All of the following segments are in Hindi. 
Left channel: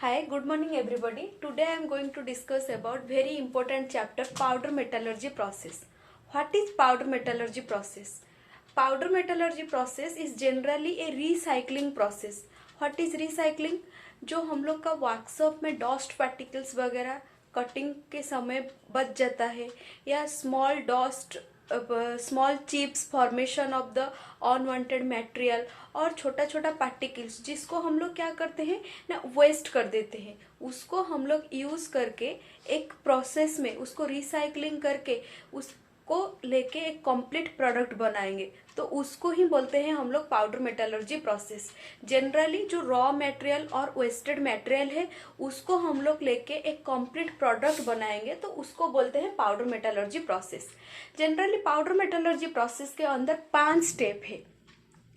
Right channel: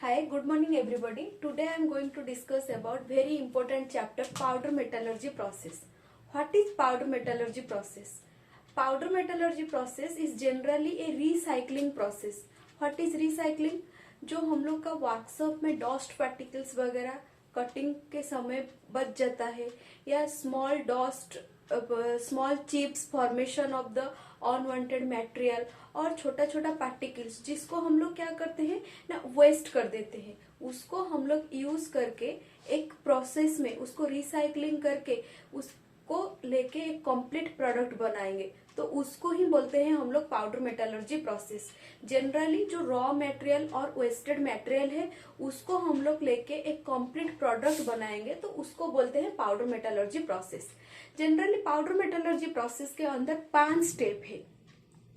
Hi, good morning everybody. Today I am going to discuss about very important chapter powder metallurgy process. What is powder metallurgy process? Powder metallurgy process is generally a recycling process. What is recycling? जो हम लोग का वर्कशॉप में डस्ट पार्टिकल्स वगैरह कटिंग के समय बच जाता है या small chips formation of the unwanted material और छोटा छोटा पार्टिकल्स जिसको हम लोग क्या करते हैं ना वेस्ट कर देते हैं, उसको हम लोग यूज करके एक प्रोसेस में उसको रिसाइकलिंग करके उसको लेके एक कंप्लीट प्रोडक्ट बनाएंगे, तो उसको ही बोलते हैं हम लोग पाउडर मेटलर्जी प्रोसेस। जनरली जो रॉ मटेरियल और वेस्टेड मटेरियल है उसको हम लोग लेके एक कंप्लीट प्रोडक्ट बनाएंगे, तो उसको बोलते हैं powder metallurgy process. Generally powder metallurgy process के अंदर 5 स्टेप है।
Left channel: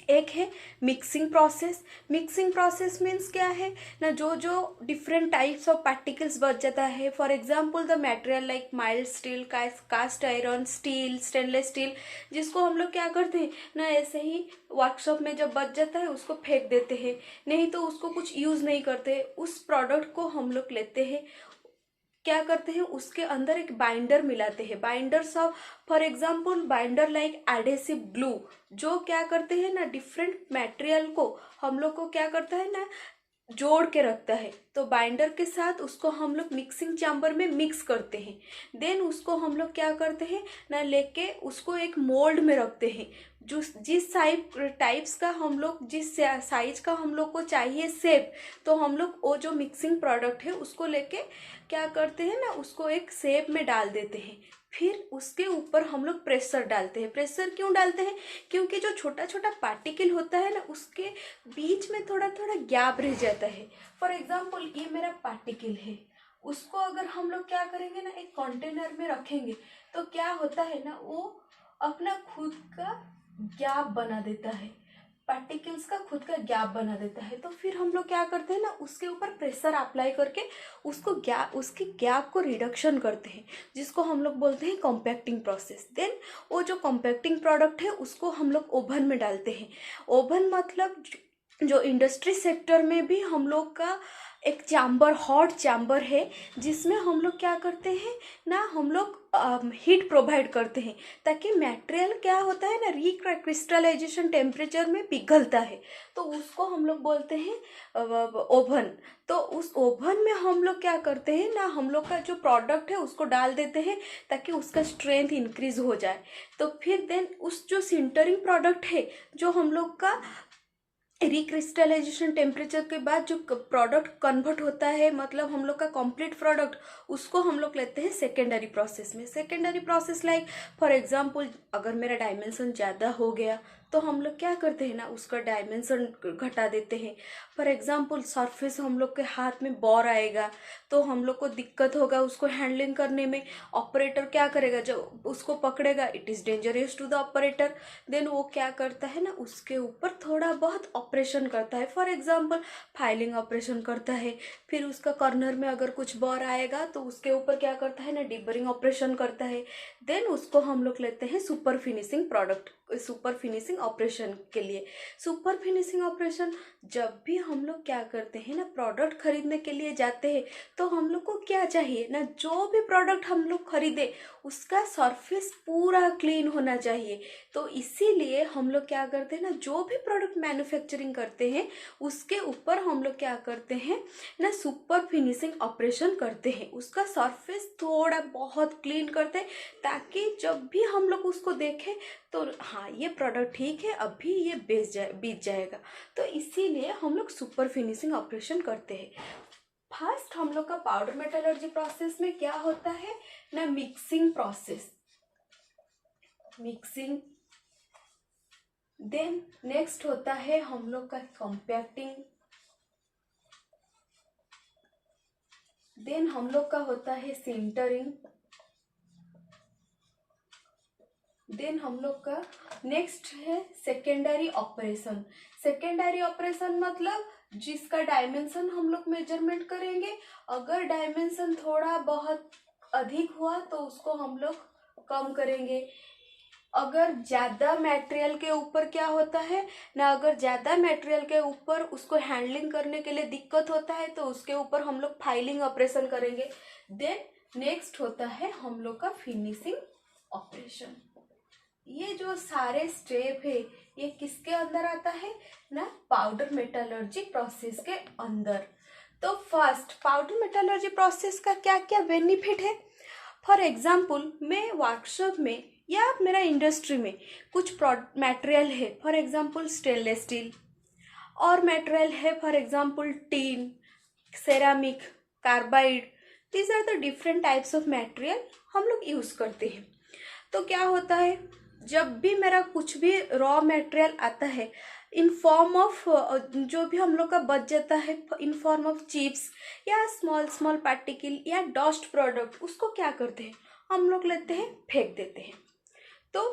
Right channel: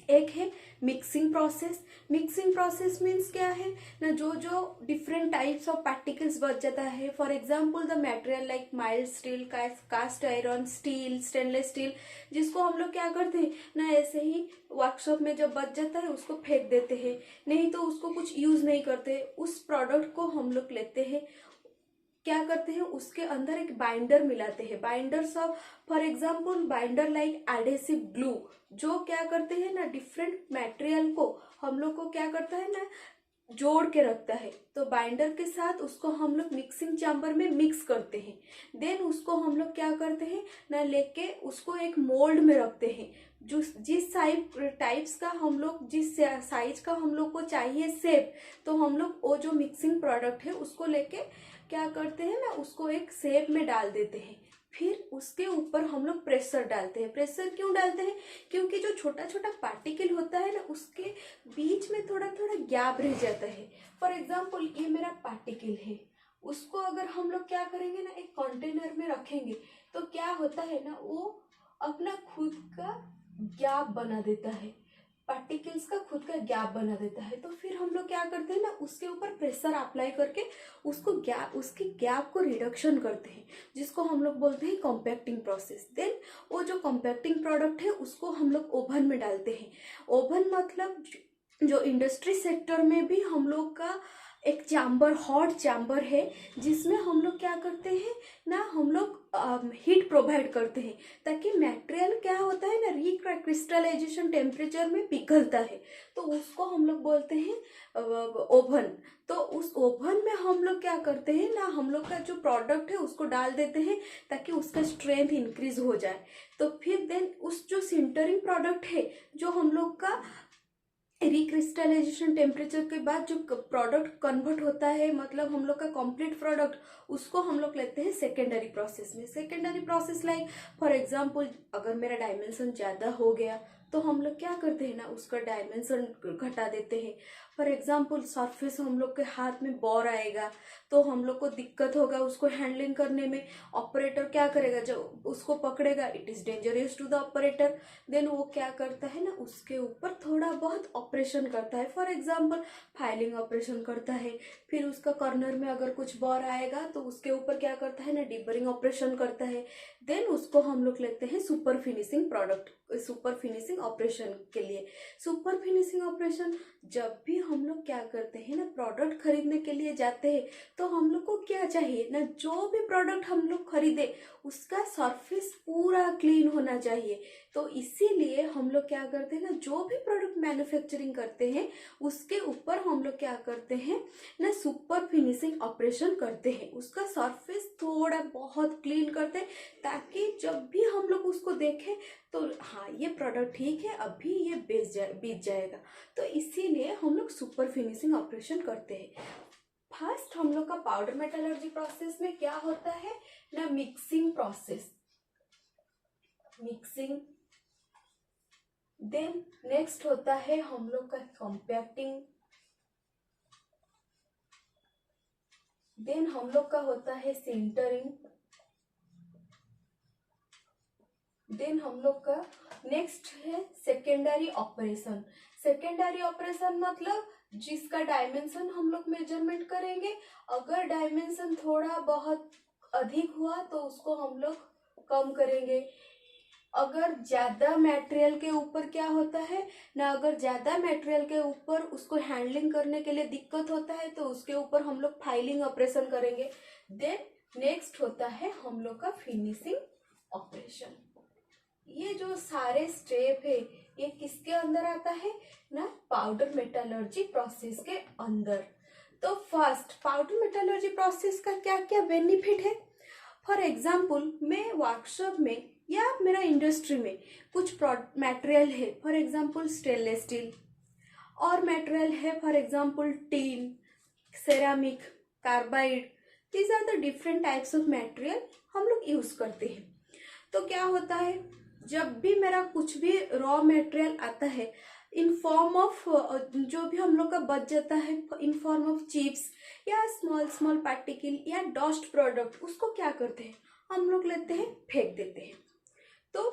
एक है mixing process. Mixing process means क्या है ना, जो जो डिफरेंट टाइप्स ऑफ पार्टिकल्स बच जाता है, for example the material like mild steel, cast iron, steel, stainless steel, जिसको हम लोग क्या करते हैं ना ऐसे ही वर्कशॉप में जब बच जाता है उसको फेंक देते हैं, नहीं तो उसको कुछ यूज नहीं करते। उस प्रोडक्ट को हम लोग लेते हैं, क्या करते हैं उसके अंदर एक बाइंडर मिलाते हैं, binders of for example binder like adhesive glue, जो क्या करते हैं ना डिफरेंट मटेरियल को हम लोग को क्या करता है ना जोड़ के रखता है। तो बाइंडर के साथ उसको हम लोग मिक्सिंग चैम्बर में मिक्स करते हैं, देन उसको हम लोग क्या करते हैं ना लेके उसको एक मोल्ड में रखते हैं। जिस टाइप्स का हम लोग जिस साइज का हम लोग को चाहिए शेप, तो हम लोग वो जो मिक्सिंग प्रोडक्ट है उसको लेके क्या करते हैं ना उसको एक शेप में डाल देते हैं। फिर उसके ऊपर हम लोग प्रेशर डालते हैं। प्रेशर क्यों डालते हैं? क्योंकि जो छोटा छोटा पार्टिकल होता है ना उसके बीच में थोड़ा थोड़ा गैप रह जाता है। फॉर एग्जाम्पल ये मेरा पार्टिकल है, उसको अगर हम लोग क्या करेंगे ना एक कंटेनर में रखेंगे, तो क्या होता है ना वो अपना खुद का गैप बना देता है, पार्टिकल्स का खुद का गैप बना देता है। तो फिर हम लोग क्या करते हैं ना उसके ऊपर प्रेशर अप्लाई करके उसके गैप को रिडक्शन करते हैं, जिसको हम लोग बोलते हैं कॉम्पैक्टिंग प्रोसेस। देन वो जो कॉम्पैक्टिंग प्रोडक्ट है उसको हम लोग ओवन में डालते हैं। ओवन मतलब जो इंडस्ट्री सेक्टर में भी हम लोग का एक चैम्बर, हॉट चैम्बर है, जिसमें हम लोग क्या करते हैं ना हम लोग हीट प्रोवाइड करते हैं, ताकि मटेरियल क्या होता है ना रिक्रिस्टलाइजेशन टेम्परेचर में पिघलता है, तो उसको हम लोग बोलते हैं ओवन। तो उस ओवन में हम लोग क्या करते हैं ना हम लोग का जो प्रोडक्ट है उसको डाल देते हैं ताकि उसका स्ट्रेंथ इंक्रीज हो जाए। तो फिर देन उस जो सिंटरिंग प्रोडक्ट है, जो हम लोग का रिक्रिस्टलाइजेशन टेम्परेचर के बाद जो प्रोडक्ट कन्वर्ट होता है, मतलब हम लोग का कंप्लीट प्रोडक्ट, उसको हम लोग लेते हैं सेकेंडरी प्रोसेस में। Secondary process like for example अगर मेरा डायमेंशन ज़्यादा हो गया तो हम लोग क्या करते हैं ना उसका डायमेंशन घटा देते हैं। फॉर एग्जांपल सरफेस हम लोग के हाथ में बॉर आएगा तो हम लोग को दिक्कत होगा उसको हैंडलिंग करने में। ऑपरेटर क्या करेगा, जब उसको पकड़ेगा it is dangerous to the operator, then वो क्या करता है ना उसके ऊपर थोड़ा बहुत ऑपरेशन करता है। फॉर एग्जांपल फाइलिंग ऑपरेशन करता है, फिर उसका कॉर्नर में अगर कुछ बॉर आएगा तो उसके ऊपर क्या करता है ना डिबरिंग ऑपरेशन करता है। देन उसको हम लोग लेते हैं super finishing product, super finishing operation के लिए। सुपर फिनिशिंग ऑपरेशन जब भी हम लोग क्या करते हैं ना प्रोडक्ट खरीदने के लिए जाते हैं, तो हम लोग को क्या चाहिए ना जो भी प्रोडक्ट हम लोग खरीदे उसका सरफेस पूरा क्लीन होना चाहिए। तो इसीलिए हम लोग क्या करते हैं ना जो भी प्रोडक्ट मैन्युफैक्चरिंग करते हैं उसके ऊपर हम लोग क्या करते हैं ना सुपर फिनिशिंग ऑपरेशन करते हैं, उसका सरफेस थोड़ा बहुत क्लीन करते हैं, ताकि जब भी हम लोग उसको देखें तो हाँ ये प्रोडक्ट ठीक है, अभी ये बीत जाएगा। तो इसीलिए हम लोग सुपर फिनिशिंग ऑपरेशन करते हैं। फर्स्ट हम लोग का पाउडर मेटलर्जी प्रोसेस में क्या होता है ना mixing process, mixing. Then next होता है हम लोग का कॉम्पैक्टिंग। देन हम लोग का होता है सिंटरिंग। देन हम लोग का नेक्स्ट है सेकेंडरी ऑपरेशन। सेकेंडरी ऑपरेशन मतलब जिसका डायमेंशन हम लोग मेजरमेंट करेंगे, अगर डायमेंशन थोड़ा बहुत अधिक हुआ तो उसको हम लोग कम करेंगे। अगर ज्यादा मटेरियल के ऊपर क्या होता है ना, अगर ज्यादा मटेरियल के ऊपर उसको हैंडलिंग करने के लिए दिक्कत होता है तो उसके ऊपर हम लोग फाइलिंग ऑपरेशन करेंगे। देन नेक्स्ट होता है हम लोग का फिनिशिंग ऑपरेशन। ये जो सारे स्टेप है ये किसके अंदर आता है ना, पाउडर मेटलर्जी प्रोसेस के अंदर। तो फर्स्ट पाउडर मेटलर्जी प्रोसेस का क्या क्या बेनिफिट है। फॉर एग्जाम्पल मैं वर्कशॉप में या मेरा इंडस्ट्री में कुछ मटेरियल है, फॉर एग्जाम्पल स्टेनलेस स्टील, और मटेरियल है for example tin, ceramic, carbide. These are the different types of material हम लोग यूज करते हैं। तो क्या होता है, जब भी मेरा कुछ भी रॉ मटेरियल आता है इन फॉर्म ऑफ, जो भी हम लोग का बच जाता है इन फॉर्म ऑफ चिप्स या स्मॉल स्मॉल पार्टिकल या डस्ट प्रोडक्ट, उसको क्या करते हैं हम लोग लेते हैं फेंक देते हैं। तो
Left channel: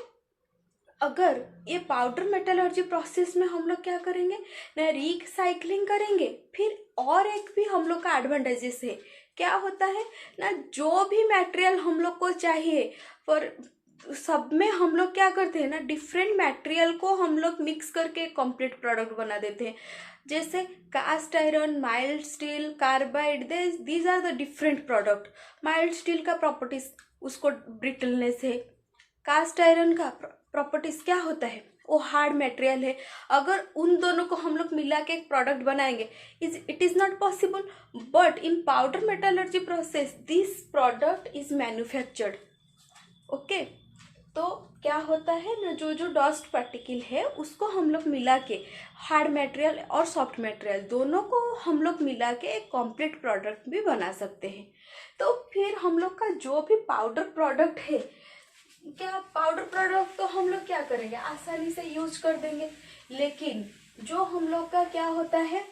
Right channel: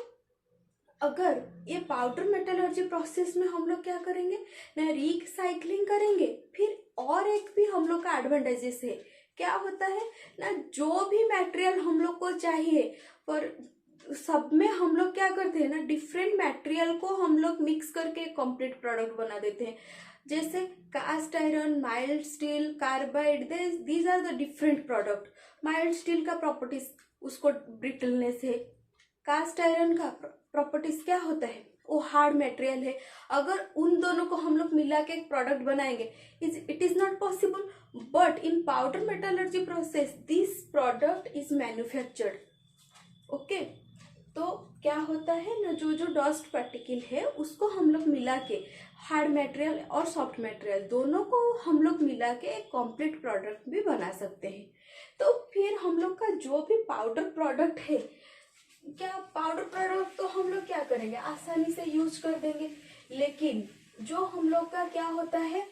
अगर ये पाउडर मेटलर्जी प्रोसेस में हम लोग क्या करेंगे ना, रिसाइकलिंग करेंगे। फिर और एक भी हम लोग का एडवांटेजेस है, क्या होता है ना, जो भी मटेरियल हम लोग को चाहिए पर सब में हम लोग क्या करते हैं ना, डिफरेंट मटेरियल को हम लोग मिक्स करके कंप्लीट प्रोडक्ट बना देते हैं। जैसे cast iron, mild steel, carbide, these are the different product. Mild steel का प्रॉपर्टीज उसको ब्रिटलनेस है, कास्ट आयरन का प्रॉपर्टीज क्या होता है वो हार्ड मटेरियल है। अगर उन दोनों को हम लोग मिला के एक प्रोडक्ट बनाएंगे it is not possible, but in powder metallurgy process this product is manufactured. Okay, तो क्या होता है ना, जो जो डस्ट पार्टिकल है उसको हम लोग मिला के, हार्ड मटेरियल और सॉफ्ट मटेरियल दोनों को हम लोग मिला के एक कंप्लीट प्रोडक्ट भी बना सकते हैं। तो फिर हम लोग का जो भी पाउडर प्रोडक्ट है, क्या पाउडर प्रोडक्ट तो हम लोग क्या करेंगे आसानी से यूज कर देंगे। लेकिन जो हम लोग का क्या होता है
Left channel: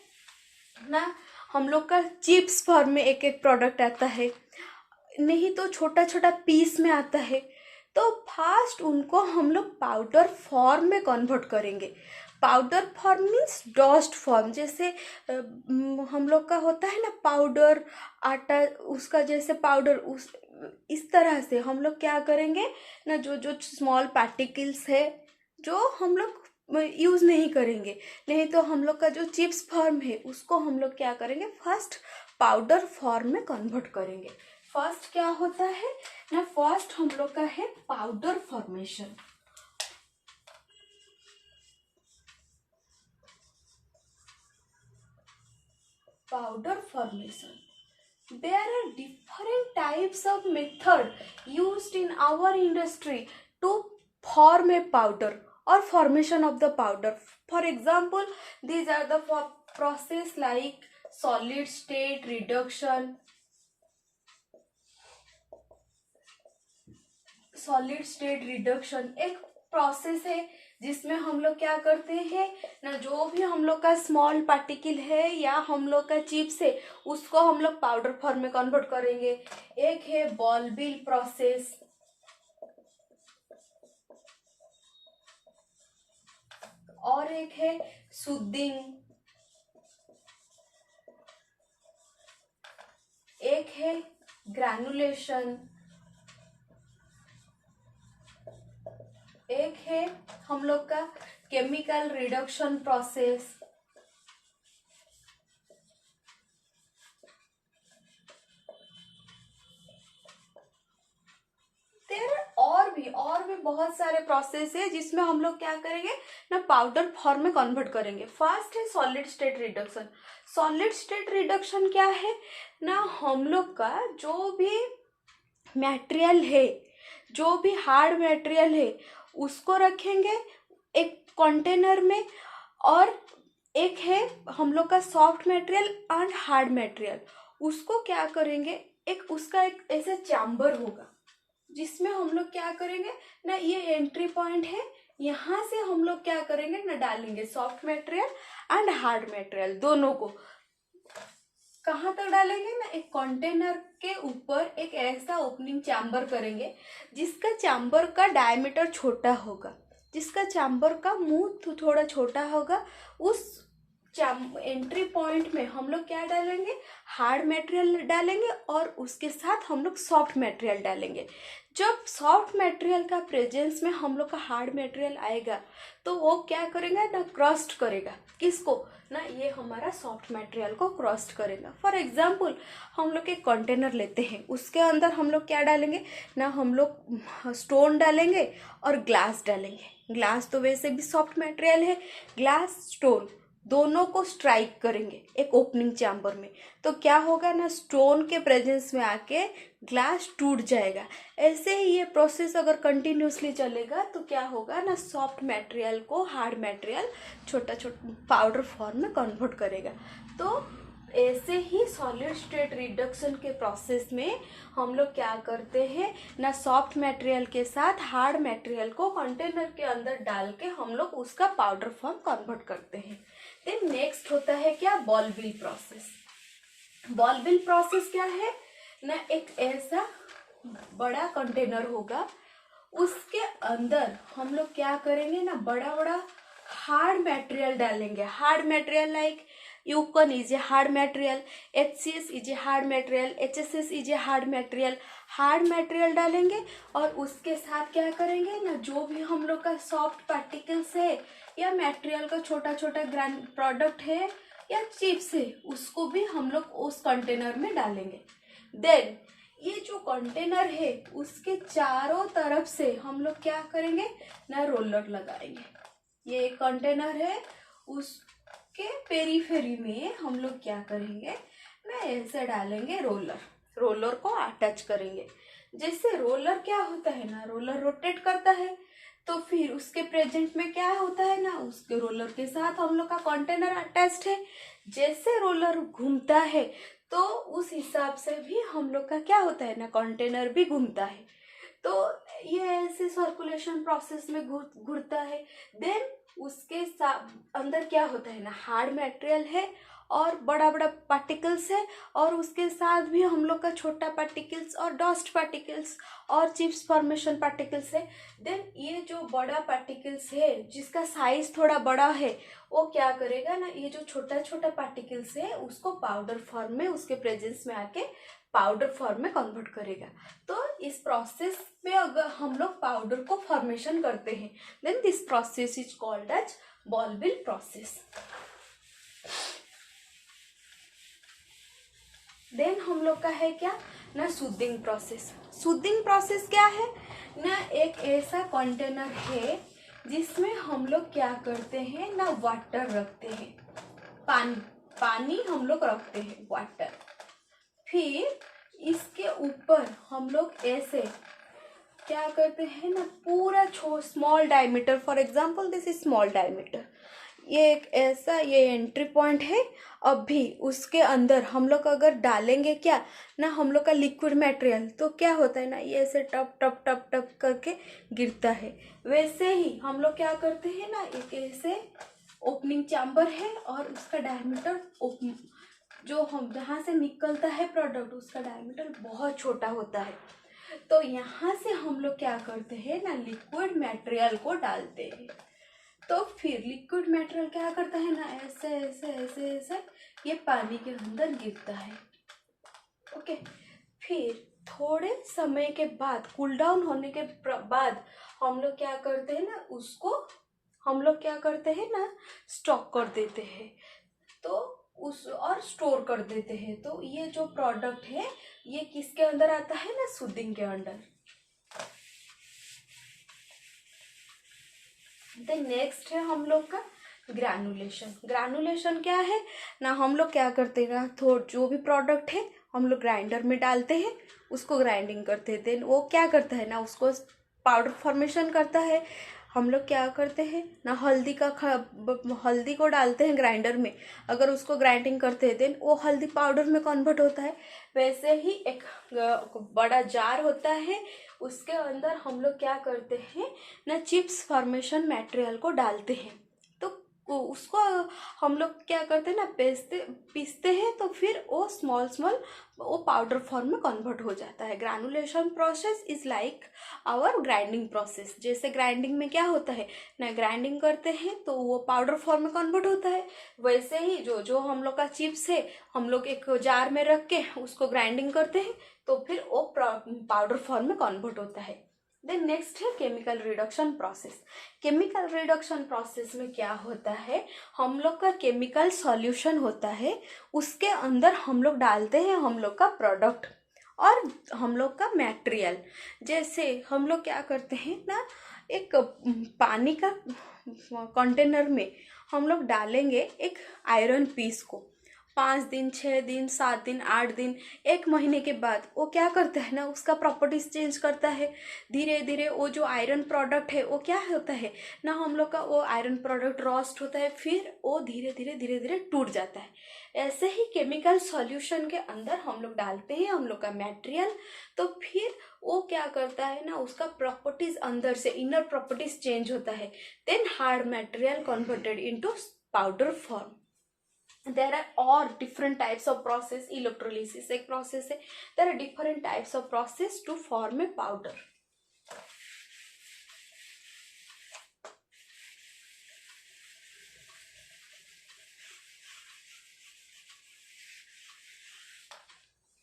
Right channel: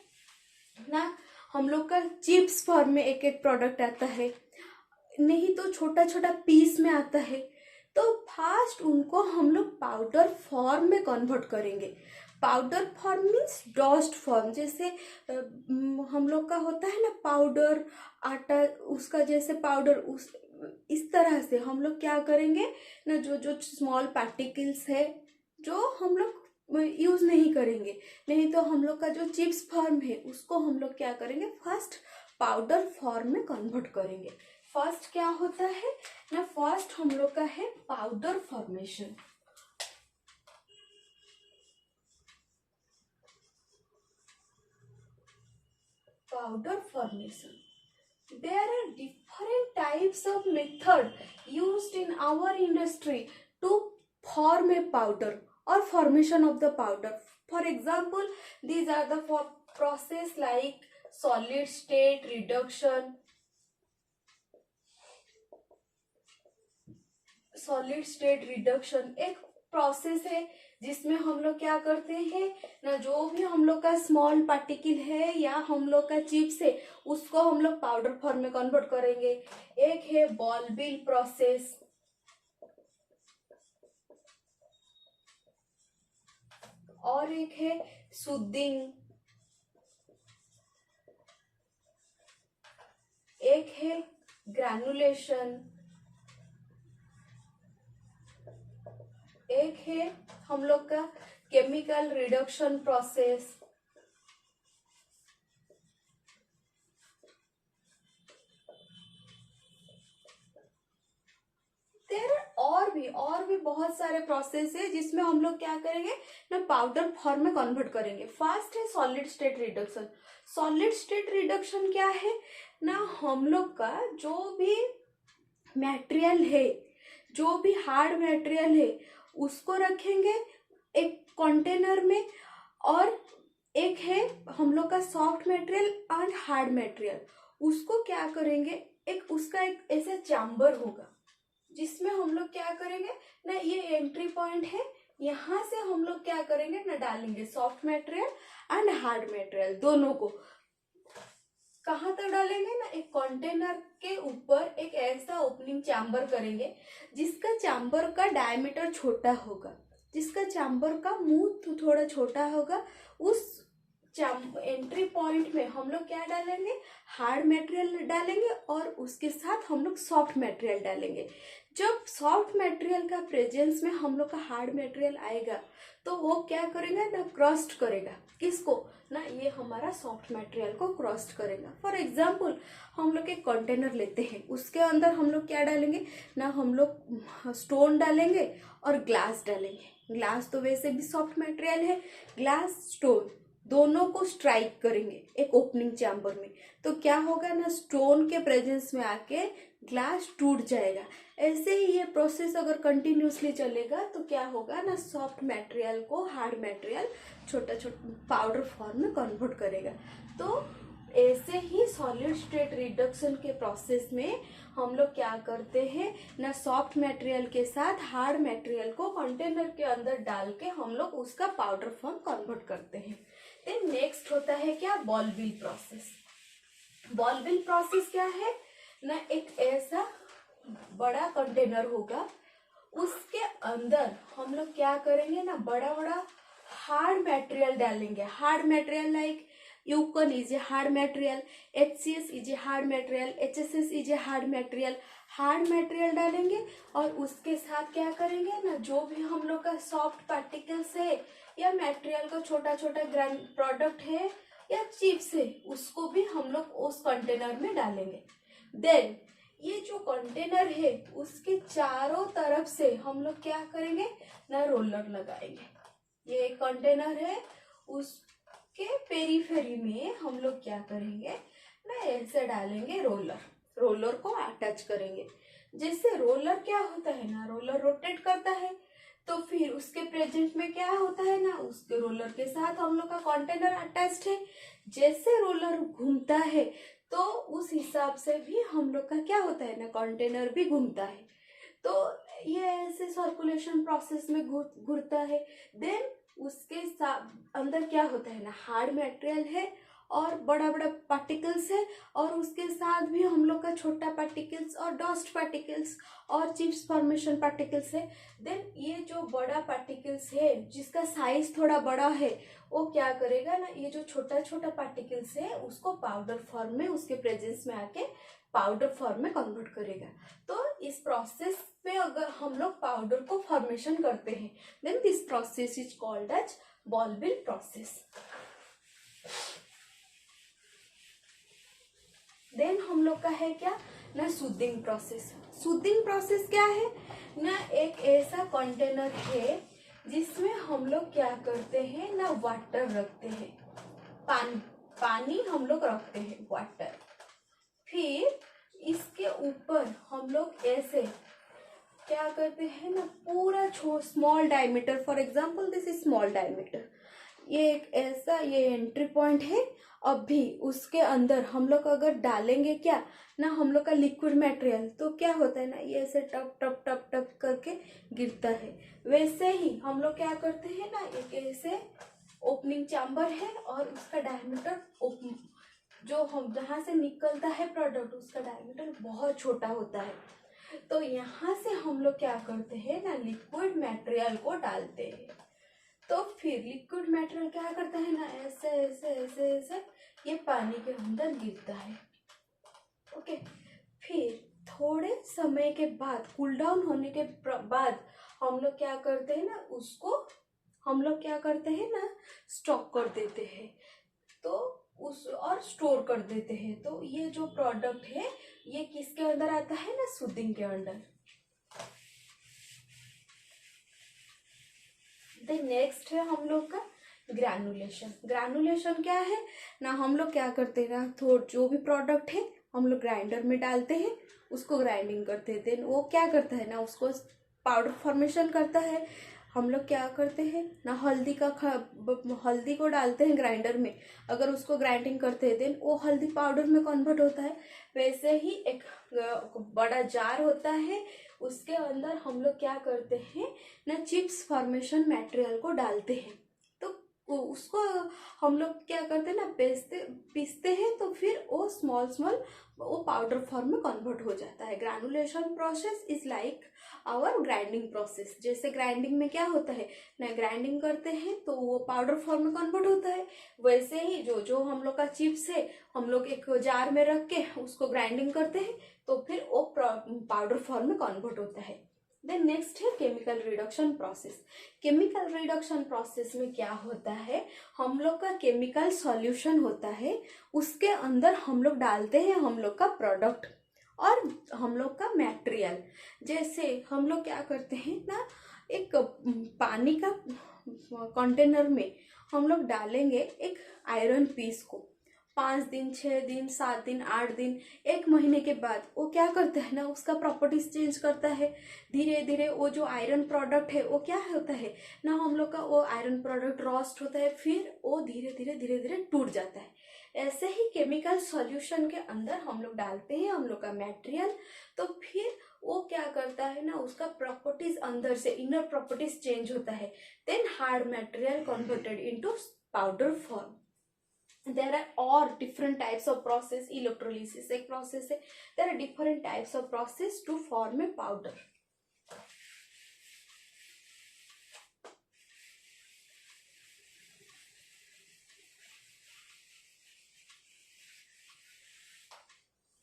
ना, हम लोग का चिप्स फॉर्म में एक एक प्रोडक्ट आता है, नहीं तो छोटा छोटा पीस में आता है। तो फास्ट उनको हम लोग पाउडर फॉर्म में कन्वर्ट करेंगे। Powder form means dust form, जैसे हम लोग का होता है ना पाउडर आटा, उसका जैसे पाउडर, उस इस तरह से हम लोग क्या करेंगे ना, जो जो स्मॉल पार्टिकल्स है जो हम लोग यूज नहीं करेंगे, नहीं तो हम लोग का जो चिप्स फॉर्म है उसको हम लोग क्या करेंगे फर्स्ट पाउडर फॉर्म में कन्वर्ट करेंगे। फर्स्ट क्या होता है ना, फर्स्ट हम लोग का है powder formation. Powder formation, there are different types of method used in our industry to form a powder or formation of the powder. For example, these are the process like solid state reduction, solid state reduction एक प्रोसेस है जिसमें हम लोग क्या करते हैं ना, जो भी हम लोग का स्मॉल पार्टिकल है या हम लोग का चिप्स है उसको हम लोग पाउडर फॉर्म में कन्वर्ट करेंगे। एक है बॉल बिल प्रोसेस, और एक है सूदिंग, एक है ग्रैनुलेशन, एक है हम लोग का केमिकल रिडक्शन प्रोसेस। और भी बहुत सारे प्रोसेस है जिसमें हम लोग क्या करेंगे ना, पाउडर फॉर्म में कन्वर्ट करेंगे। फर्स्ट है solid state reduction. Solid state reduction क्या है ना, हम लोग का जो भी मटेरियल है, जो भी हार्ड मटेरियल है उसको रखेंगे एक कंटेनर में, और एक है हम लोग का soft material and hard material, उसको क्या करेंगे एक उसका एक ऐसा चैम्बर होगा जिसमें हम लोग क्या करेंगे ना, ये एंट्री पॉइंट है, यहाँ से हम लोग क्या करेंगे ना, डालेंगे soft material and hard material दोनों को। कहाँ तक डालेंगे ना, एक कंटेनर के ऊपर एक ऐसा ओपनिंग चैम्बर करेंगे जिसका चैम्बर का डायमीटर छोटा होगा, जिसका चैम्बर का मुंह थोड़ा छोटा होगा। उस एंट्री पॉइंट में हम लोग क्या डालेंगे, हार्ड मटेरियल डालेंगे और उसके साथ हम लोग सॉफ्ट मटेरियल डालेंगे। जब सॉफ्ट मटेरियल का प्रेजेंस में हम लोग का हार्ड मटेरियल आएगा तो वो क्या करेगा ना, क्रस्ट करेगा। किसको ना, ये हमारा सॉफ्ट मटेरियल को क्रस्ट करेगा। फॉर एग्जाम्पल हम लोग एक कंटेनर लेते हैं, उसके अंदर हम लोग क्या डालेंगे ना, हम लोग स्टोन डालेंगे और ग्लास डालेंगे। ग्लास तो वैसे भी सॉफ्ट मटेरियल है, ग्लास स्टोन दोनों को स्ट्राइक करेंगे एक ओपनिंग चैम्बर में, तो क्या होगा ना, स्टोन के प्रेजेंस में आके ग्लास टूट जाएगा। ऐसे ही ये प्रोसेस अगर कंटिन्यूसली चलेगा तो क्या होगा ना, सॉफ्ट मटेरियल को हार्ड मटेरियल छोटा छोटा पाउडर फॉर्म में कन्वर्ट करेगा। तो ऐसे ही सॉलिड स्टेट रिडक्शन के प्रोसेस में हम लोग क्या करते हैं ना, सॉफ्ट मटेरियल के साथ हार्ड मटेरियल को कंटेनर के अंदर डाल के हम लोग उसका पाउडर फॉर्म कन्वर्ट करते हैं। देन नेक्स्ट होता है क्या, ball mill process. Ball mill process क्या है ना, एक ऐसा बड़ा कंटेनर होगा, उसके अंदर हम लोग क्या करेंगे ना, बड़ा बड़ा हार्ड मटेरियल डालेंगे। Hard material like Yukon is a hard material, HCS is a hard material, HSS is a hard material. Hard material डालेंगे और उसके साथ क्या करेंगे ना, जो भी हम लोग का सॉफ्ट पार्टिकल्स है या मटेरियल का छोटा छोटा ग्रैंड प्रोडक्ट है या चिप्स है, उसको भी हम लोग उस कंटेनर में डालेंगे। देन ये जो कंटेनर है उसके चारों तरफ से हम लोग क्या करेंगे ना, रोलर लगाएंगे। ये कंटेनर है, उसके पेरीफेरी में हम लोग क्या करेंगे ना, ऐसे डालेंगे रोलर, रोलर को अटैच करेंगे। जैसे रोलर क्या होता है ना, रोलर रोटेट करता है, तो फिर उसके प्रेजेंट में क्या होता है ना, उसके रोलर के साथ हम लोग का कंटेनर अटैच्ड है। जैसे रोलर घूमता है तो उस हिसाब से भी हम लोग का क्या होता है ना, कंटेनर भी घूमता है। तो ये ऐसे सर्कुलेशन प्रोसेस में घूरता है। देन उसके अंदर क्या होता है ना, हार्ड मटेरियल है और बड़ा बड़ा पार्टिकल्स है, और उसके साथ भी हम लोग का छोटा पार्टिकल्स और डस्ट पार्टिकल्स और चिप्स फॉर्मेशन पार्टिकल्स है। देन ये जो बड़ा पार्टिकल्स है जिसका साइज थोड़ा बड़ा है, वो क्या करेगा ना, ये जो छोटा छोटा पार्टिकल्स है उसको पाउडर फॉर्म में उसके प्रेजेंस में आके पाउडर फॉर्म में कन्वर्ट करेगा। तो इस प्रोसेस में अगर हम लोग पाउडर को फॉर्मेशन करते हैं, then this process is called as ball mill process. Then हम लोग का है क्या ना, सूदिंग प्रोसेस। सूदिंग प्रोसेस क्या है ना, एक ऐसा कंटेनर है जिसमें हम लोग क्या करते हैं ना, वाटर रखते हैं, पानी हम लोग रखते हैं, वाटर। फिर इसके ऊपर हम लोग ऐसे क्या करते हैं ना, पूरा small diameter, for example this is small diameter, ये एक ऐसा ये एंट्री पॉइंट है। अभी उसके अंदर हम लोग अगर डालेंगे क्या ना, हम लोग का लिक्विड मटेरियल, तो क्या होता है ना, ये ऐसे टप टप टप टप करके गिरता है। वैसे ही हम लोग क्या करते हैं ना, एक ऐसे ओपनिंग चैम्बर है और उसका डायमीटर जो हम जहाँ से निकलता है प्रोडक्ट, उसका डायमीटर बहुत छोटा होता है। तो यहाँ से हम लोग क्या करते हैं ना, लिक्विड मटेरियल को डालते हैं। तो फिर लिक्विड मटेरियल क्या करता है ना, ऐसे ऐसे ऐसे ऐसे ये पानी के अंदर गिरता है। ओके, फिर थोड़े समय के बाद, कूल डाउन होने के बाद हम लोग क्या करते हैं ना, उसको हम लोग क्या करते हैं ना, स्टॉक कर देते हैं, तो उस और स्टोर कर देते हैं। तो ये जो प्रोडक्ट है ये किसके अंदर आता है ना, सूदिंग के अंदर। नेक्स्ट है हम लोग का ग्रैनुलेशन। ग्रैनुलेशन क्या है ना, हम लोग क्या करते हैं ना, जो भी प्रोडक्ट है हम लोग ग्राइंडर में डालते हैं, उसको ग्राइंडिंग करते हैं। देन वो क्या करता है ना, उसको पाउडर फॉर्मेशन करता है। हम लोग क्या करते हैं ना, हल्दी को डालते हैं ग्राइंडर में, अगर उसको ग्राइंडिंग करते हैं देन वो हल्दी पाउडर में कन्वर्ट होता है। वैसे ही एक बड़ा जार होता है, उसके अंदर हम लोग क्या करते हैं ना, चिप्स फॉर्मेशन मटेरियल को डालते हैं। तो उसको हम लोग क्या करते हैं ना, पीसते हैं, तो फिर वो स्मॉल स्मॉल वो पाउडर फॉर्म में कन्वर्ट हो जाता है। Granulation process is like our grinding process. जैसे ग्राइंडिंग में क्या होता है ना, ग्राइंडिंग करते हैं तो वो पाउडर फॉर्म में कन्वर्ट होता है, वैसे ही जो जो हम लोग का चिप्स है हम लोग एक जार में रख के उसको ग्राइंडिंग करते हैं तो फिर वो पाउडर फॉर्म में कन्वर्ट होता है। देन नेक्स्ट है chemical reduction process. Chemical reduction process में क्या होता है, हम लोग का केमिकल सॉल्यूशन होता है, उसके अंदर हम लोग डालते हैं हम लोग का प्रोडक्ट और हम लोग का मटेरियल। जैसे हम लोग क्या करते हैं ना, एक पानी का कंटेनर में हम लोग डालेंगे एक आयरन पीस को, 5 दिन 6 दिन 7 दिन 8 दिन 1 महीने के बाद वो क्या करता है ना, उसका प्रॉपर्टीज चेंज करता है। धीरे धीरे वो जो आयरन प्रोडक्ट है वो क्या होता है ना, हम लोग का वो आयरन प्रोडक्ट रोस्ट होता है, फिर वो धीरे धीरे टूट जाता है। ऐसे ही केमिकल सॉल्यूशन के अंदर हम लोग डालते हैं हम लोग का मटेरियल, तो फिर वो क्या करता है ना, उसका प्रॉपर्टीज अंदर से इनर प्रॉपर्टीज चेंज होता है। Then hard material converted into powder form. There are all different types of process. Electrolysis एक process है. There are different types of process to form a powder.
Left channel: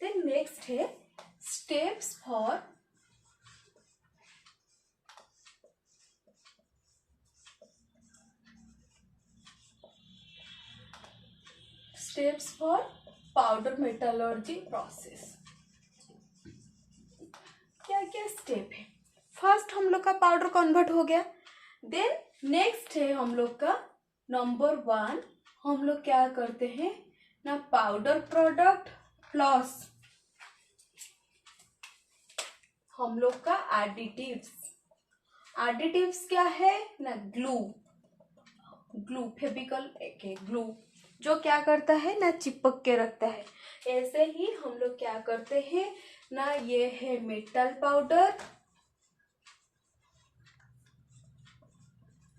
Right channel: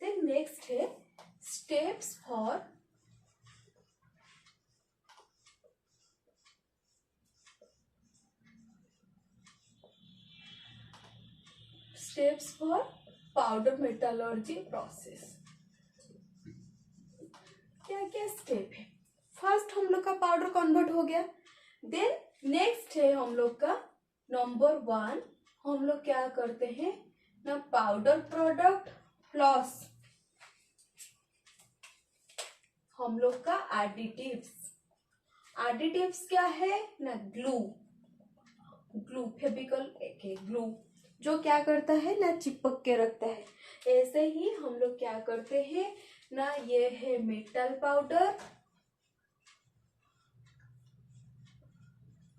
Then next है steps for powder metallurgy process. क्या क्या स्टेप है, फर्स्ट हम लोग का पाउडर कन्वर्ट हो गया। देन नेक्स्ट है हम लोग का नंबर 1, हम लोग क्या करते हैं ना, पाउडर प्रोडक्ट प्लस हम लोग का एडिटिव्स। एडिटिव्स क्या है ना, ग्लू फेविकल के ग्लू जो क्या करता है ना, चिपक के रखता है। ऐसे ही हम लोग क्या करते हैं ना, ये है मेटल पाउडर,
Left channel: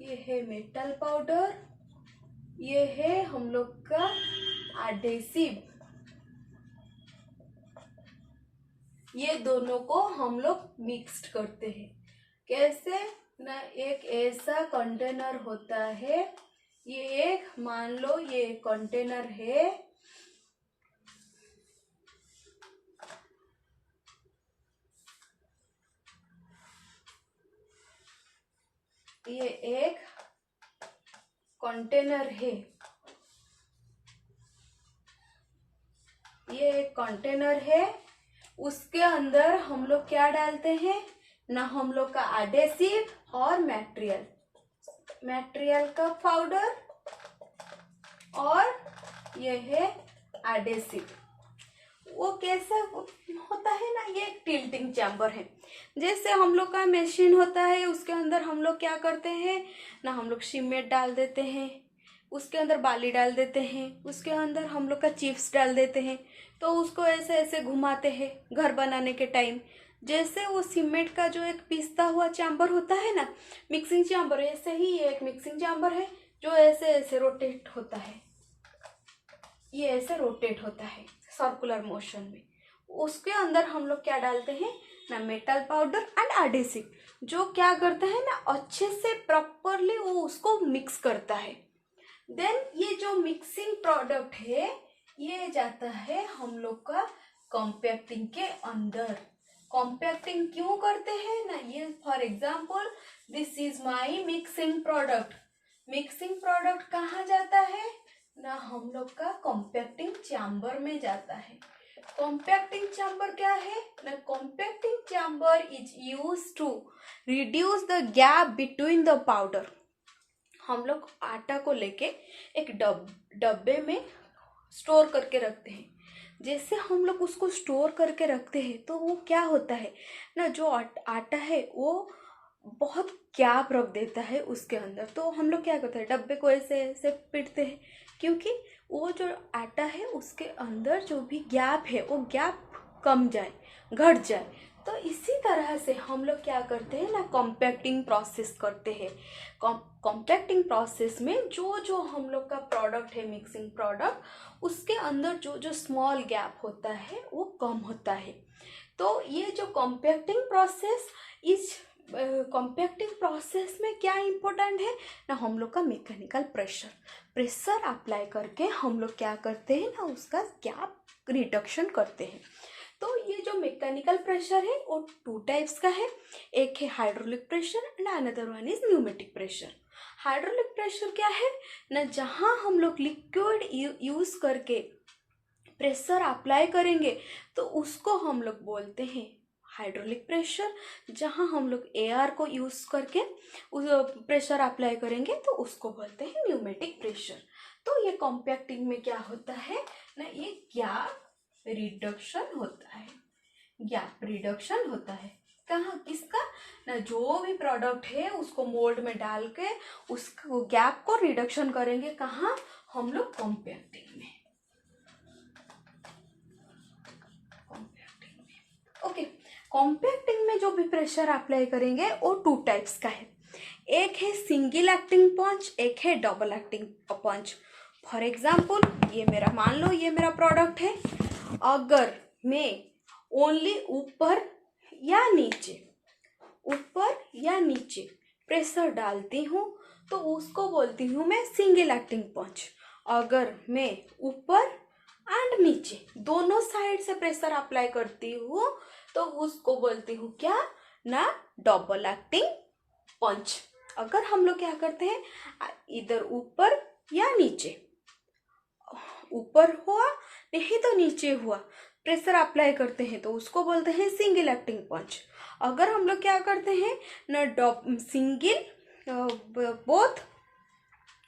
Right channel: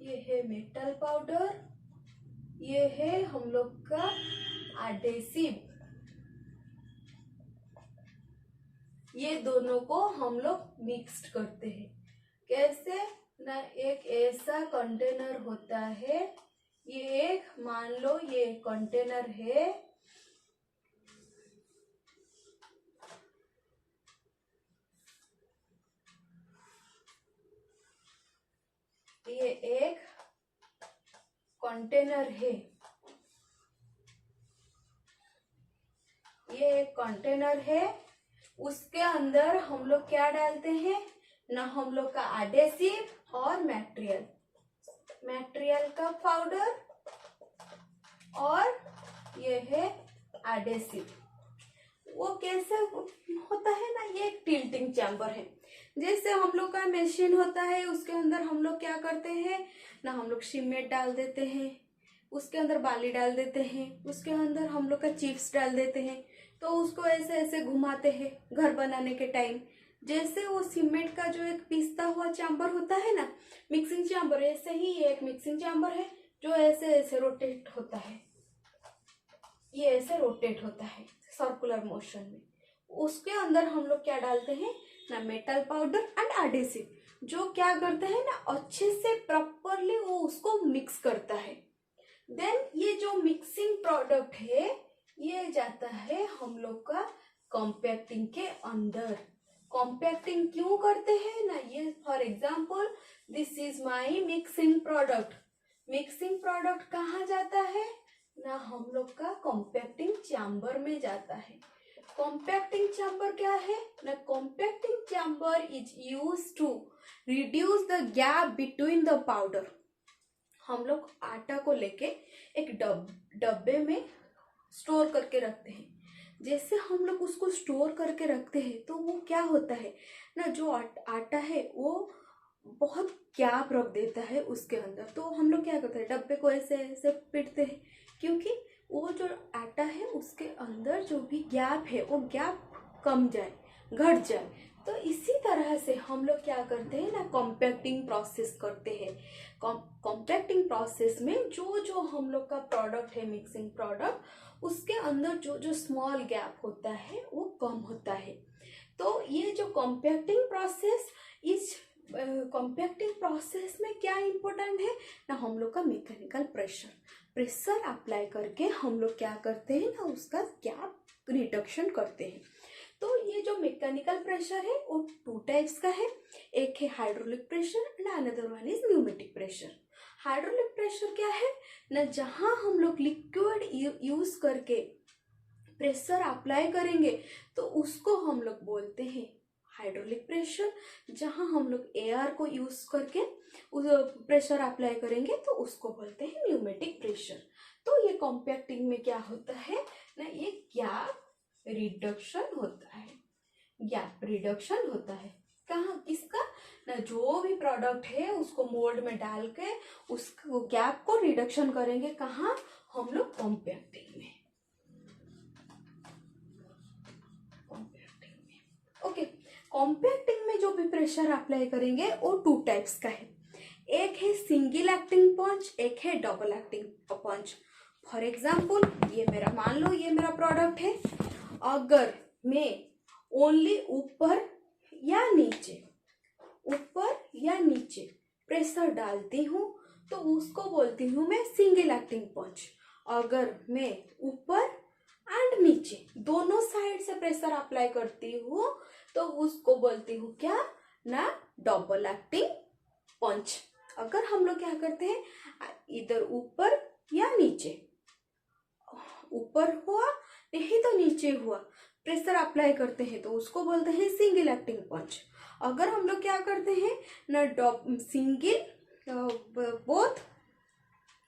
ये है मेटल पाउडर, ये है हम लोग का एडेसिव। ये दोनों को हम लोग मिक्स्ड करते हैं। कैसे ना, एक ऐसा कंटेनर होता है, ये एक मान लो ये कंटेनर है, ये एक कंटेनर है, ये एक कंटेनर है, उसके अंदर हम लोग क्या डालते हैं ना, हम लोग का एडेसिव और मटेरियल का पाउडर, और ये है एडेसिव। वो कैसे होता है ना, ये एक टिल्टिंग चैम्बर है। जैसे हम लोग का मशीन होता है, उसके अंदर हम लोग क्या करते हैं ना, हम लोग सीमेंट डाल देते हैं, उसके अंदर बाली डाल देते हैं, उसके अंदर हम लोग का चिप्स डाल देते हैं, तो उसको ऐसे ऐसे घुमाते हैं घर बनाने के टाइम। जैसे वो सीमेंट का जो एक पिसता हुआ चैम्बर होता है ना, मिक्सिंग चैम्बर, ऐसे ही ये एक मिक्सिंग चैम्बर है जो ऐसे ऐसे रोटेट होता है, ये ऐसे रोटेट होता है सर्कुलर मोशन में। उसके अंदर हम लोग क्या डालते हैं ना, मेटल पाउडर एंड एडेसिव, जो क्या करता है ना, अच्छे से प्रॉपरली वो उसको मिक्स करता है। देन ये जो मिक्सिंग प्रोडक्ट है ये जाता है हम लोग का कॉम्पैक्टिंग के अंदर। कॉम्पैक्टिंग क्यों करते हैं ना, ये for example this is my mixing product. Mixing product कहाँ जाता है ना, हम लोग का कॉम्पैक्टिंग चैम्बर में जाता है। कॉम्पैक्टिंग चैम्बर क्या है ना, compacting chamber is used to reduce the gap between the powder. हम लोग आटा को लेके एक डब्बे में स्टोर करके रखते हैं। जैसे हम लोग उसको स्टोर करके रखते हैं तो वो क्या होता है ना, जो आटा है वो बहुत गैप रख देता है उसके अंदर। तो हम लोग क्या करते हैं, डब्बे को ऐसे ऐसे पीटते हैं, क्योंकि वो जो आटा है उसके अंदर जो भी गैप है वो गैप कम जाए, घट जाए। तो इसी तरह से हम लोग क्या करते हैं ना, कॉम्पैक्टिंग प्रोसेस करते हैं। कॉम्पैक्टिंग प्रोसेस में जो जो हम लोग का प्रोडक्ट है, मिक्सिंग प्रोडक्ट, उसके अंदर जो जो स्मॉल गैप होता है वो कम होता है। तो ये जो कॉम्पैक्टिंग प्रोसेस, इस कॉम्पैक्टिंग प्रोसेस में क्या इम्पोर्टेंट है ना, हम लोग का मैकेनिकल प्रेशर अप्लाई करके हम लोग क्या करते हैं ना, उसका गैप रिडक्शन करते हैं। तो ये जो मैकेनिकल प्रेशर है वो 2 टाइप्स का है। एक है hydraulic pressure and another one is pneumatic pressure. Hydraulic pressure क्या है ना, जहाँ हम लोग लिक्विड यूज करके प्रेशर अप्लाई करेंगे तो उसको हम लोग बोलते हैं हाइड्रोलिक प्रेशर। जहाँ हम लोग एयर को यूज करके उस प्रेशर अप्लाई करेंगे तो उसको बोलते हैं न्यूमेटिक प्रेशर। तो ये कॉम्पैक्टिंग में क्या होता है ना, ये गैप रिडक्शन होता है। गैप रिडक्शन होता है कहाँ, किसका ना, जो भी प्रोडक्ट है उसको मोल्ड में डाल के उस गैप को रिडक्शन करेंगे। कहाँ, हम लोग कॉम्पैक्टिंग में। ओके, कॉम्पैक्टिंग में जो भी प्रेशर अप्लाई करेंगे वो 2 टाइप्स का है। एक है सिंगल एक्टिंग पंच, एक है double acting punch. For example, ये मेरा, मान लो ये मेरा प्रोडक्ट है। अगर मैं ओनली ऊपर या नीचे प्रेशर डालती हूँ तो उसको बोलती हूँ मैं सिंगल एक्टिंग पंच। अगर मैं ऊपर एंड नीचे दोनों साइड से प्रेशर अप्लाई करती हूँ तो उसको बोलती हूँ क्या ना, डबल एक्टिंग पंच। अगर हम लोग क्या करते हैं, इधर ऊपर या नीचे, ऊपर हुआ नहीं तो नीचे हुआ, प्रेशर अप्लाई करते हैं तो उसको बोलते हैं सिंगल एक्टिंग पंच। अगर हम लोग क्या करते हैं ना, सिंगल बोथ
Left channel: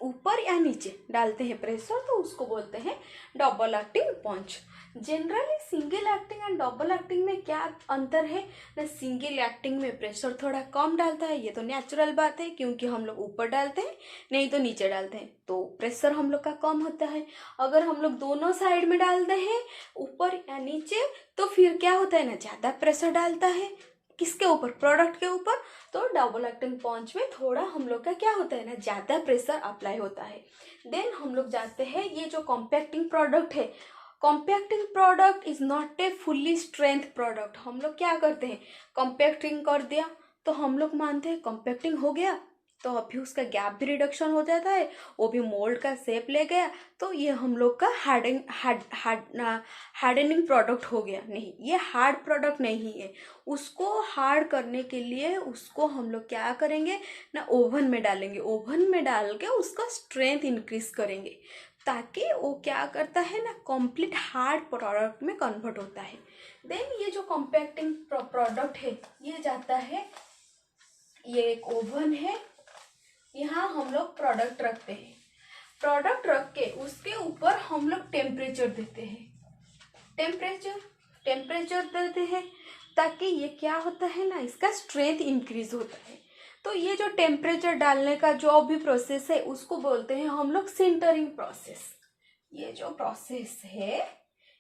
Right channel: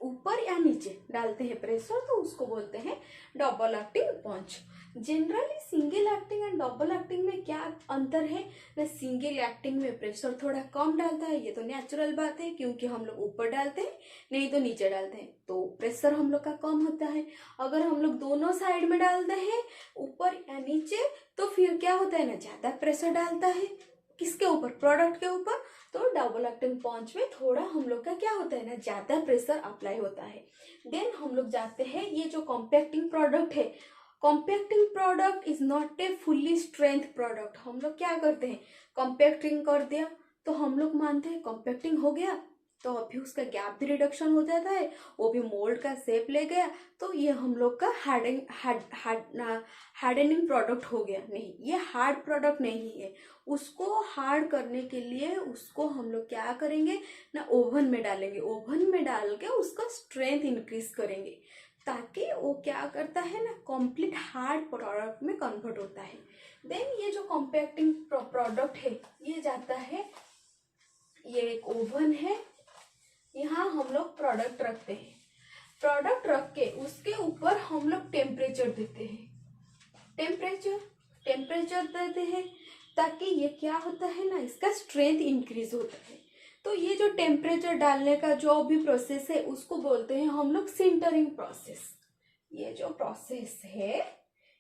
ऊपर या नीचे डालते हैं प्रेशर तो उसको बोलते हैं double acting punch. Generally single acting and double acting में क्या अंतर है ना, सिंगल एक्टिंग में प्रेशर थोड़ा कम डालता है, ये तो नेचुरल बात है क्योंकि हम लोग ऊपर डालते हैं नहीं तो नीचे डालते हैं तो प्रेशर हम लोग का कम होता है। अगर हम लोग दोनों साइड में डालते हैं ऊपर या नीचे तो फिर क्या होता है ना, ज़्यादा प्रेशर डालता है किसके ऊपर, प्रोडक्ट के ऊपर। तो डबल एक्टिंग पंच में थोड़ा हम लोग का क्या होता है ना, ज़्यादा प्रेशर अप्लाई होता है। देन हम लोग जाते हैं, ये जो कॉम्पैक्टिंग प्रोडक्ट है, compacting product is not a fully strength product. हम लोग क्या करते हैं, कॉम्पैक्टिंग कर दिया तो हम लोग मानते हैं कॉम्पैक्टिंग हो गया तो अभी उसका गैप भी रिडक्शन हो जाता है, वो भी मोल्ड का शेप ले गया तो ये हम लोग का हार्डनिंग प्रोडक्ट हो गया। नहीं, ये हार्ड प्रोडक्ट नहीं है। उसको हार्ड करने के लिए उसको हम लोग क्या करेंगे ना, ओवन में डालेंगे। ओवन में डाल के उसका स्ट्रेंथ इंक्रीज करेंगे ताकि वो क्या करता है ना, कंप्लीट हार्ड प्रोडक्ट में कन्वर्ट होता है। देन ये जो कॉम्पैक्टिंग प्रोडक्ट है ये जाता है, ये एक ओवन है, यहाँ हम लोग प्रोडक्ट रखते हैं। प्रोडक्ट रख के उसके ऊपर हम लोग टेम्परेचर देते हैं, टेम्परेचर देते हैं ताकि ये क्या होता है ना, इसका स्ट्रेंथ इंक्रीज होता है। तो ये जो टेम्परेचर डालने का जो भी प्रोसेस है उसको बोलते हैं हम लोग सिंटरिंग प्रोसेस। ये जो प्रोसेस है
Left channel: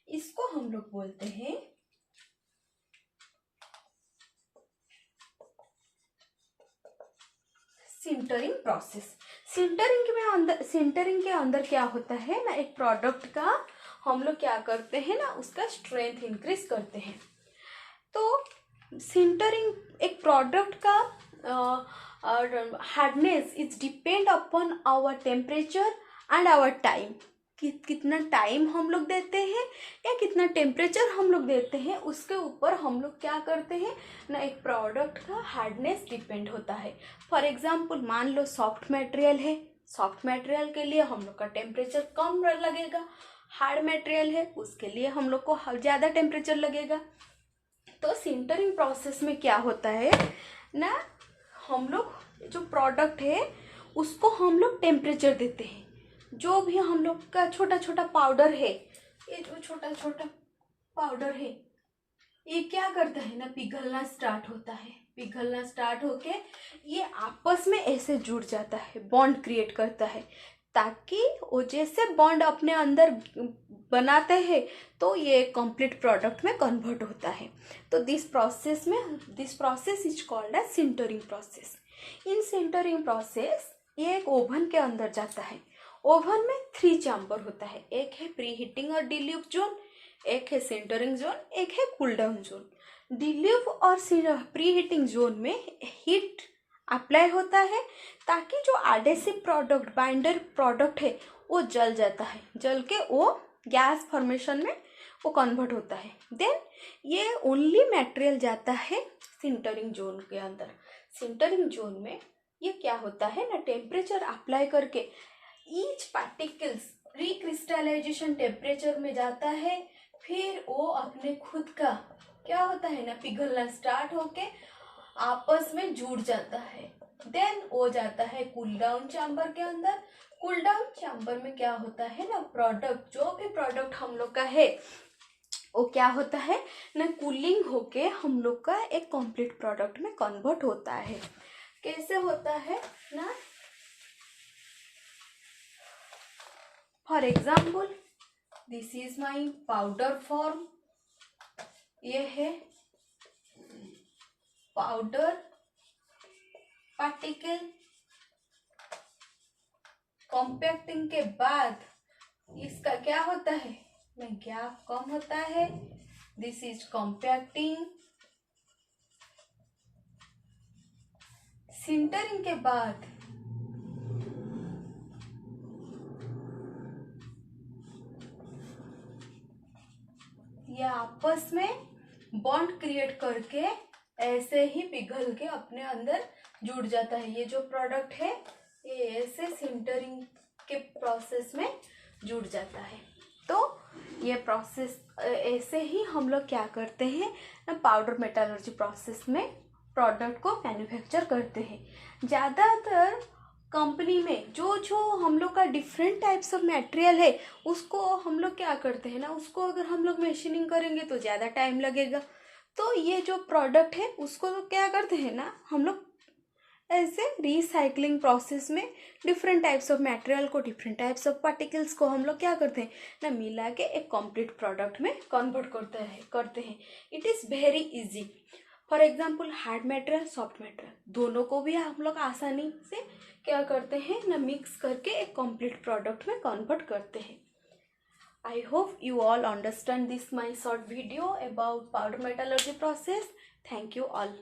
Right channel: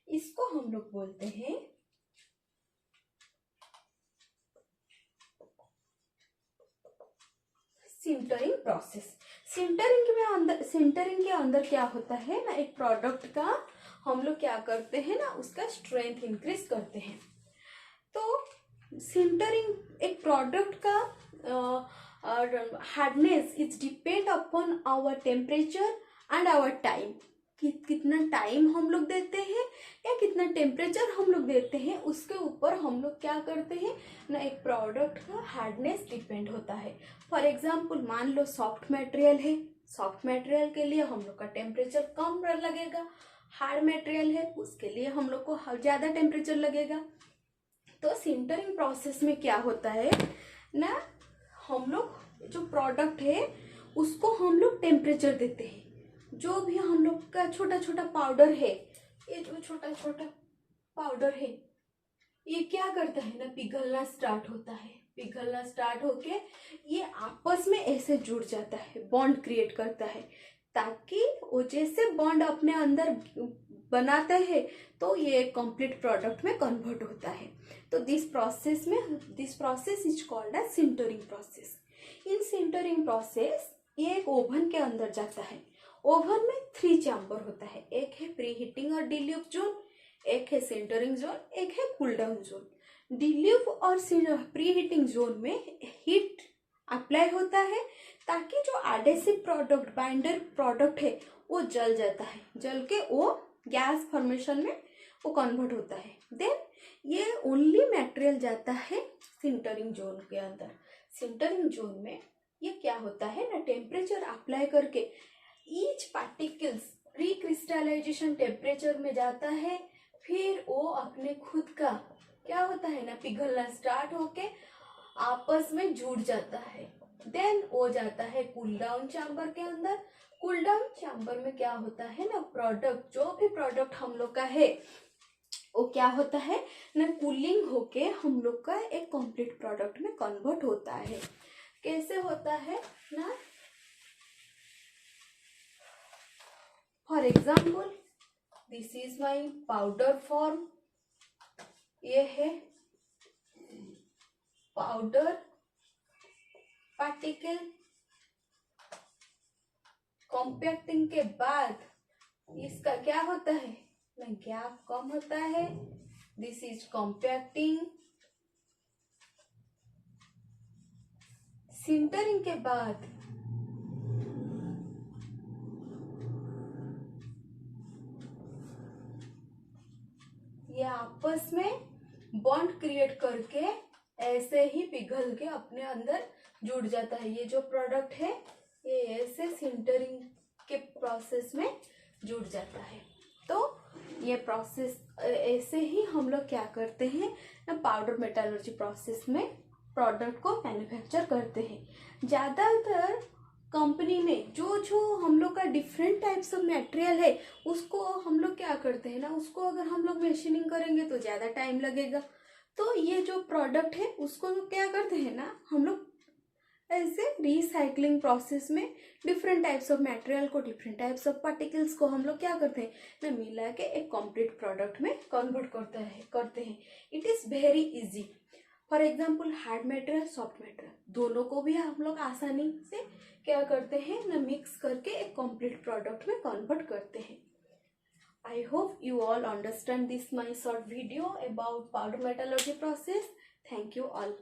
इसको हम लोग बोलते हैं सिंटरिंग प्रोसेस। सिंटरिंग के अंदर क्या होता है ना, एक प्रोडक्ट का हम लोग क्या करते हैं ना, उसका स्ट्रेंथ इंक्रीज करते हैं। तो सिंटरिंग एक प्रोडक्ट का hardness is depend upon our temperature and our time. कितना टाइम हम लोग देते हैं या कितना टेम्परेचर हम लोग देते हैं उसके ऊपर हम लोग क्या करते हैं ना, एक प्रोडक्ट का हार्डनेस डिपेंड होता है। फॉर एग्जाम्पल, मान लो सॉफ्ट मटेरियल है, सॉफ्ट मटेरियल के लिए हम लोग का टेम्परेचर कम लगेगा। हार्ड मटेरियल है उसके लिए हम लोग को ज़्यादा टेम्परेचर लगेगा। तो सिंटरिंग प्रोसेस में क्या होता है ना, हम लोग जो प्रोडक्ट है उसको हम लोग टेम्परेचर देते हैं। जो भी हम लोग का छोटा छोटा पाउडर है, ये जो छोटा छोटा पाउडर है ये क्या करता है ना, पिघलना स्टार्ट होता है। पिघलना स्टार्ट होके ये आपस में ऐसे जुड़ जाता है, बॉन्ड क्रिएट करता है ताकि वो जैसे बॉन्ड अपने अंदर बनाते हैं तो ये कंप्लीट प्रोडक्ट में कन्वर्ट होता है। तो this process is called as sintering process. In sintering process ये एक ओवन के अंदर जाता है। ओवन में 3 चैम्बर होता है, एक है प्री हीटिंग और डिल्यूव जोन, एक है सिंटरिंग जोन, एक है कूल डाउन जोन। डिल्यूव और प्री हीटिंग जोन में हीट अप्लाई होता है ताकि जो एडेसिव प्रोडक्ट बाइंडर प्रोडक्ट है वो जल जाता है, जल के वो गैस फॉर्मेशन में वो कन्वर्ट होता है। देन ये ओनली मटेरियल जाता है सिंटरिंग जोन के अंदर। सिंटरिंग जोन में ये क्या होता है ना, टेम्परेचर अप्लाई करके each particles pre crystallization temperature में जाता है, फिर वो अपने खुद का क्या होता है ना पिघलना स्टार्ट होके आपस में जुड़ जाता है। देन वो जाता है कूल डाउन चैम्बर के अंदर। कूल डाउन चैम्बर में क्या होता है ना, प्रोडक्ट जो भी प्रोडक्ट हम लोग का है वो क्या होता है ना, कूलिंग होके हम लोग का एक कंप्लीट प्रोडक्ट में कन्वर्ट होता है। कैसे होता है ना, for example this is my powder form. ये है पाउडर पार्टिकल। कॉम्पैक्टिंग के बाद इसका क्या होता है ना, गैप कम होता है। This is compacting. सिंटरिंग के बाद ये आपस में बॉन्ड क्रिएट करके ऐसे ही पिघल के अपने अंदर जुड़ जाता है। ये जो प्रोडक्ट है ये ऐसे सिंटरिंग के प्रोसेस में जुड़ जाता है। तो ये प्रोसेस ऐसे ही हम लोग क्या करते हैं ना, पाउडर मेटालर्जी प्रोसेस में प्रोडक्ट को मैन्युफैक्चर करते हैं। ज़्यादातर कंपनी में जो जो हम लोग का डिफरेंट टाइप्स ऑफ मटेरियल है उसको हम लोग क्या करते हैं ना, उसको अगर हम लोग मशीनिंग करेंगे तो ज़्यादा टाइम लगेगा। तो ये जो प्रोडक्ट है उसको तो क्या करते हैं ना, हम लोग ऐसे रिसाइकलिंग प्रोसेस में डिफरेंट टाइप्स ऑफ मटेरियल को, डिफरेंट टाइप्स ऑफ पार्टिकल्स को हम लोग क्या करते हैं ना, मिला के एक कंप्लीट प्रोडक्ट में कन्वर्ट करते हैं। It is very easy. For example hard material, soft material दोनों को भी हम लोग आसानी से क्या करते हैं ना, मिक्स करके एक कंप्लीट प्रोडक्ट में कन्वर्ट करते हैं। I hope you all understand this my short video about powder metallurgy process. Thank you all.